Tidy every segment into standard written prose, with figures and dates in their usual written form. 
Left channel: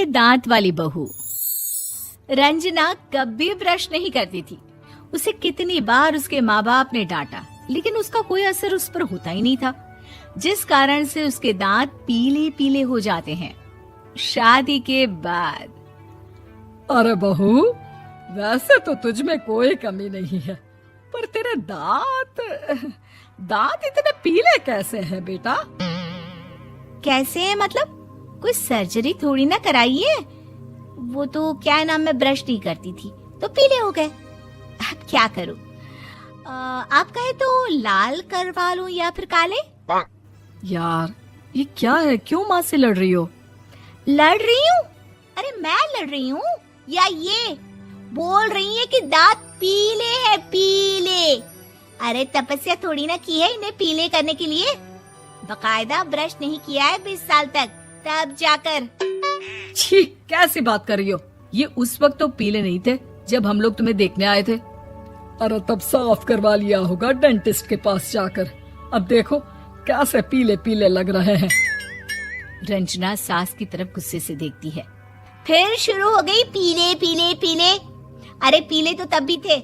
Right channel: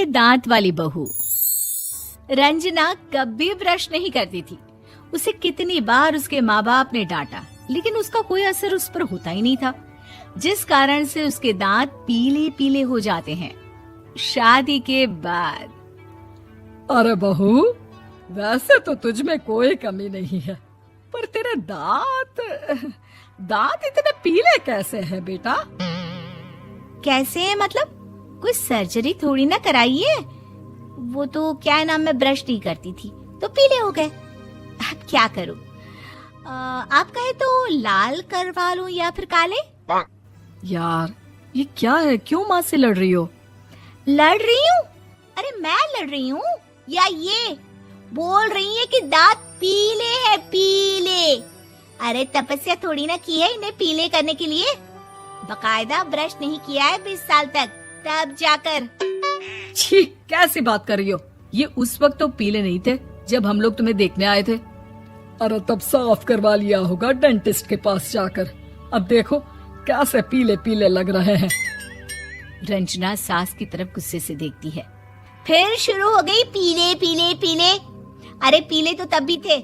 पीले दांत वाली बहू। रंजना कभी ब्रश नहीं करती थी। उसे कितनी बार उसके माँ बाप ने डांटा, लेकिन उसका कोई असर उस पर होता ही नहीं था, जिस कारण से उसके दांत पीले पीले हो जाते हैं। शादी के बाद अरे बहू, वैसे तो तुझ में कोई कमी नहीं है, पर तेरे दांत इतने पीले कैसे हैं बेटा? कैसे मतलब? कोई सर्जरी थोड़ी ना कराई है। वो तो क्या नाम, मैं ब्रश नहीं करती थी तो पीले हो गए। अब क्या करूं? आप कहें तो लाल करवा लूं या फिर काले? यार ये क्या है, क्यों माँ से लड़ रही हो? लड़ रही हूँ? अरे मैं लड़ रही हूँ या ये बोल रही है कि दांत पीले हैं, पीले। अरे तपस्या थोड़ी ना की है इन्हें पीले करने के लिए। बकायदा ब्रश नहीं किया है 20 साल तक, तब जाकर। छी, कैसी बात कर रही हो? ये उस वक्त तो पीले नहीं थे जब हम लोग तुम्हें देखने आए थे। अरे तब साफ करवा लिया होगा डेंटिस्ट के पास जाकर। अब देखो कैसे पीले पीले लग रहे हैं। रंजना सास की तरफ गुस्से से देखती है। फिर शुरू हो गई पीले पीले पीले। अरे पीले तो तब भी थे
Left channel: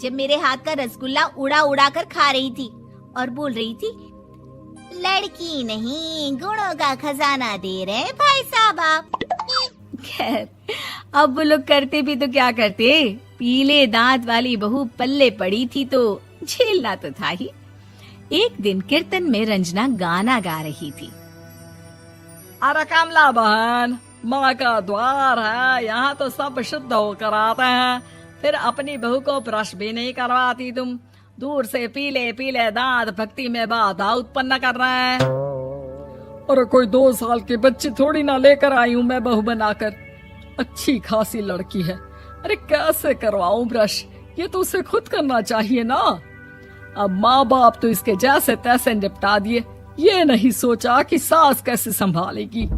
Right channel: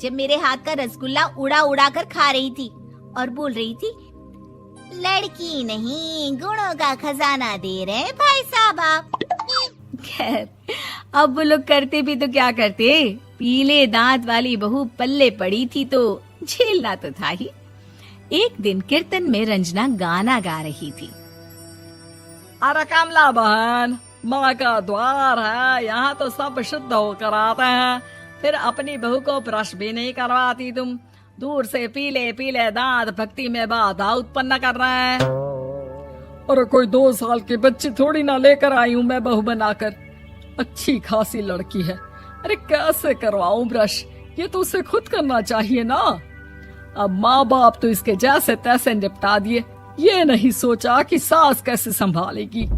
जब मेरे हाथ का रसगुल्ला उड़ा उड़ा कर खा रही थी और बोल रही थी, लड़की नहीं गुणों का खजाना दे रहे भाई साहब आप। खैर, अब वो लोग करते भी तो क्या करते, पीले दांत वाली बहू पल्ले पड़ी थी तो झेलना तो था ही। एक दिन कीर्तन में रंजना गाना गा रही थी। अरे कमला बहन, माँ का द्वार है, यहाँ तो सब शुद्ध होकर आते हैं, फिर अपनी बहू को ब्रश भी नहीं करवाती तुम। दूर से पीले पीले दांत भक्ति में बाधा उत्पन्न कर रहे हैं। अरे कोई 2 साल के बच्चे थोड़ी ना लेकर आई हूँ मैं बहू बनाकर। अच्छी खासी लड़की है, अरे कैसे करवाऊं ब्रश? ये तो उसे खुद करना चाहिए ना। अब माँ बाप तो इसके जैसे तैसे निपटा दिए, ये नहीं सोचा कि सास कैसे संभालेगी।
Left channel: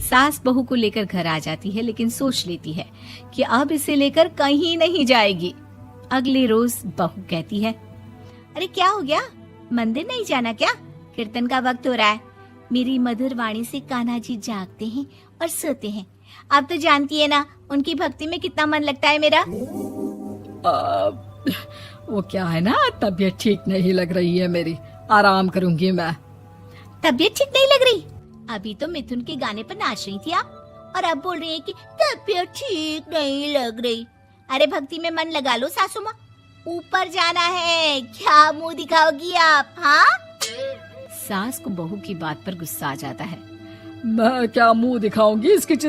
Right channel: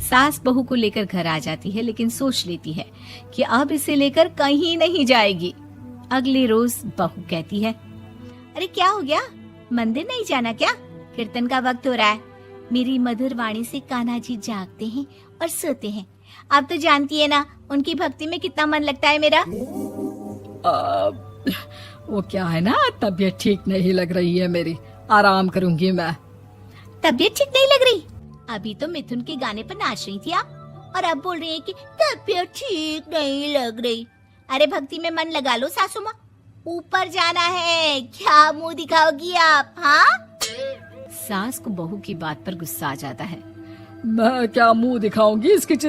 सास बहू को लेकर घर आ जाती है, लेकिन सोच लेती है कि अब इसे लेकर कहीं नहीं जाएगी। अगले रोज बहू कहती है, अरे क्या हो गया, मंदिर नहीं जाना क्या? कीर्तन का वक्त हो रहा है। मेरी मधुर वाणी से कान्हा जी जागते हैं और सोते हैं। आप तो जानती है ना उनकी भक्ति में कितना मन लगता है मेरा। वो क्या है ना, तबीयत ठीक नहीं लग रही है मेरी, आराम करूंगी मैं। तबीयत ठीक नहीं लग रही? अभी तो मिथुन के गाने पर नाच रही थी आप, और अब बोल रही है कि तबीयत ठीक नहीं लग रही। अरे भक्ति में मन लगा लो सासू माँ, ऊपर जाना है, क्या मुंह दिखाओगी आप? हाँ? सास को बहू की बात पर गुस्सा आ जाता है। मैं क्या मुंह दिखाऊंगी, इसकी